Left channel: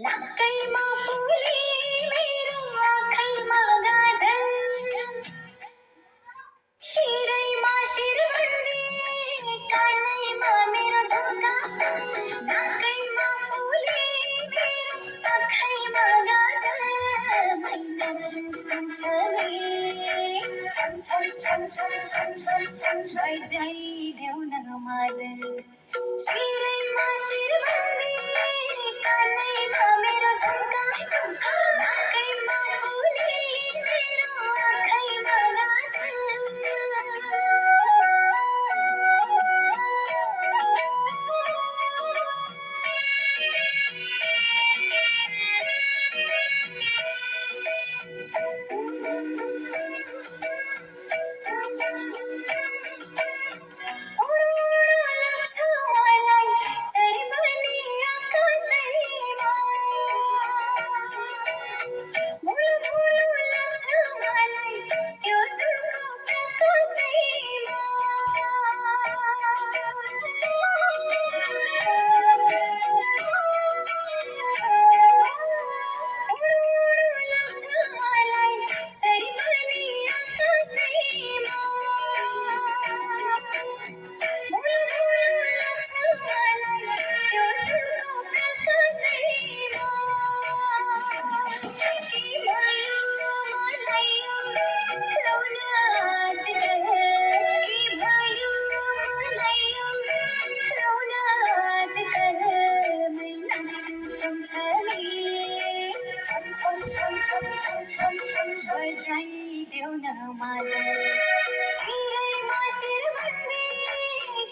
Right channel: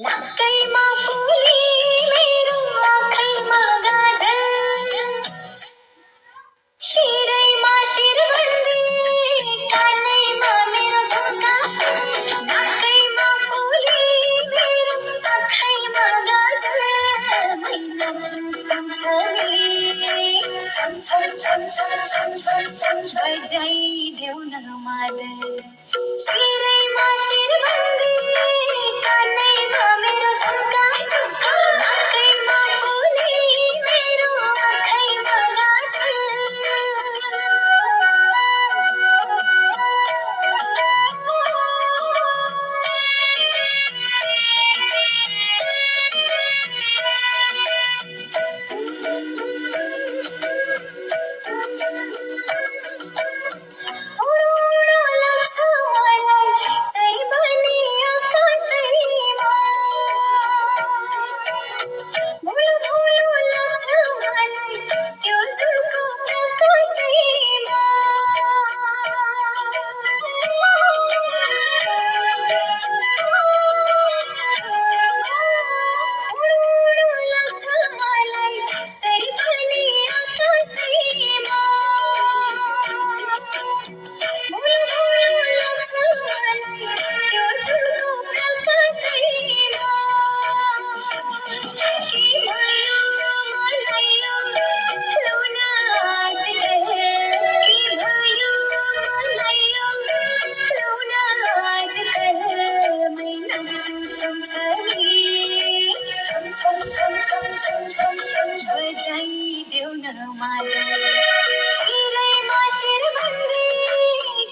नाकैमा फुली मेरो आँखैमा गाजल शिरैमा शिरबन्दी कानैमा मेरो झुम्का नाकैमा फुली मेरो आँखैमा गाजल मै नाच्छु सँगसँगै छम छम छम छम छम छम छम बजाइदेऊ न मादल शिरैमा शिरबन्दी कानैमा मेरो झुम्का झुम्का नाकैमा फुली मेरो आँखैमा बजाइदेऊ न मादल शिरैमा शिरबन्दी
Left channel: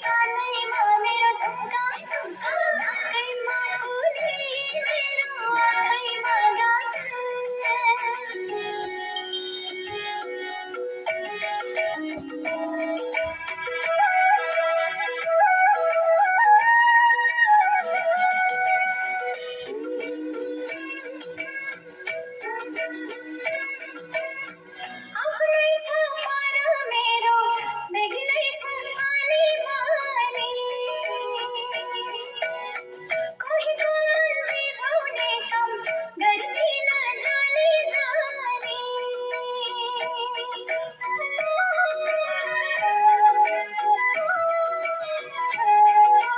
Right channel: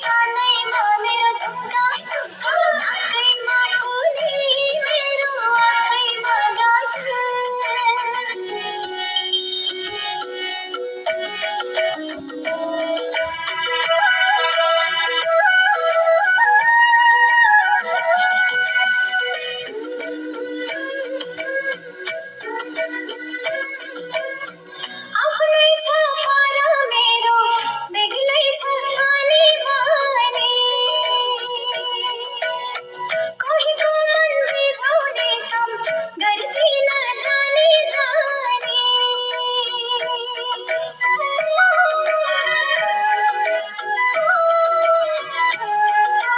कानैमा मेरो झुम्का झुम्का नाकैमा फुली मेरो आँखैमा आफ्नै छ पारा मेरो बेग्लै छ अनि बानी कोहीको मन बिझाउने काम गर्दिन जानी जानी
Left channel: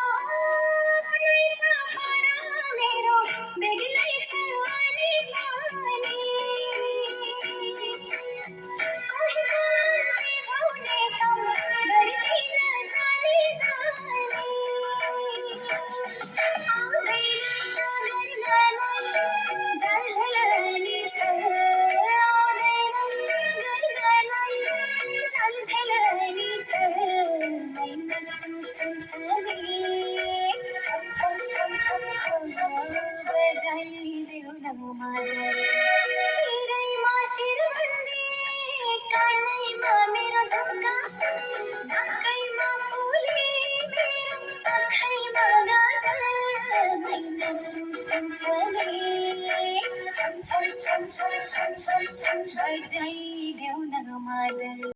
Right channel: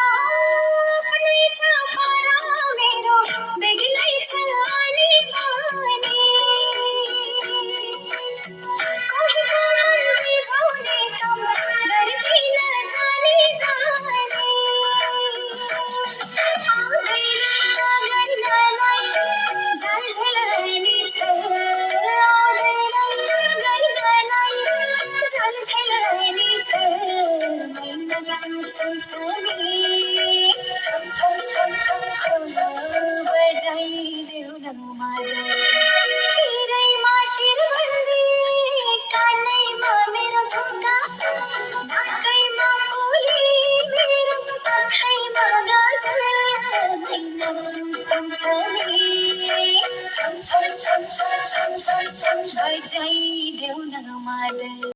आफ्नै छ पारा मेरो बेग्लै छ अनि बानी कोहीको मन बिझाउने काम गर्दिन जानी जानी आउँदैन गर्नलाई झन्झलनी छ आउँदैन गर्नलाई झन्झलनी छ मै नाच्छु सँगसँगै छम छम छम छम छम बजाइदेऊ न मादल शिरैमा शिर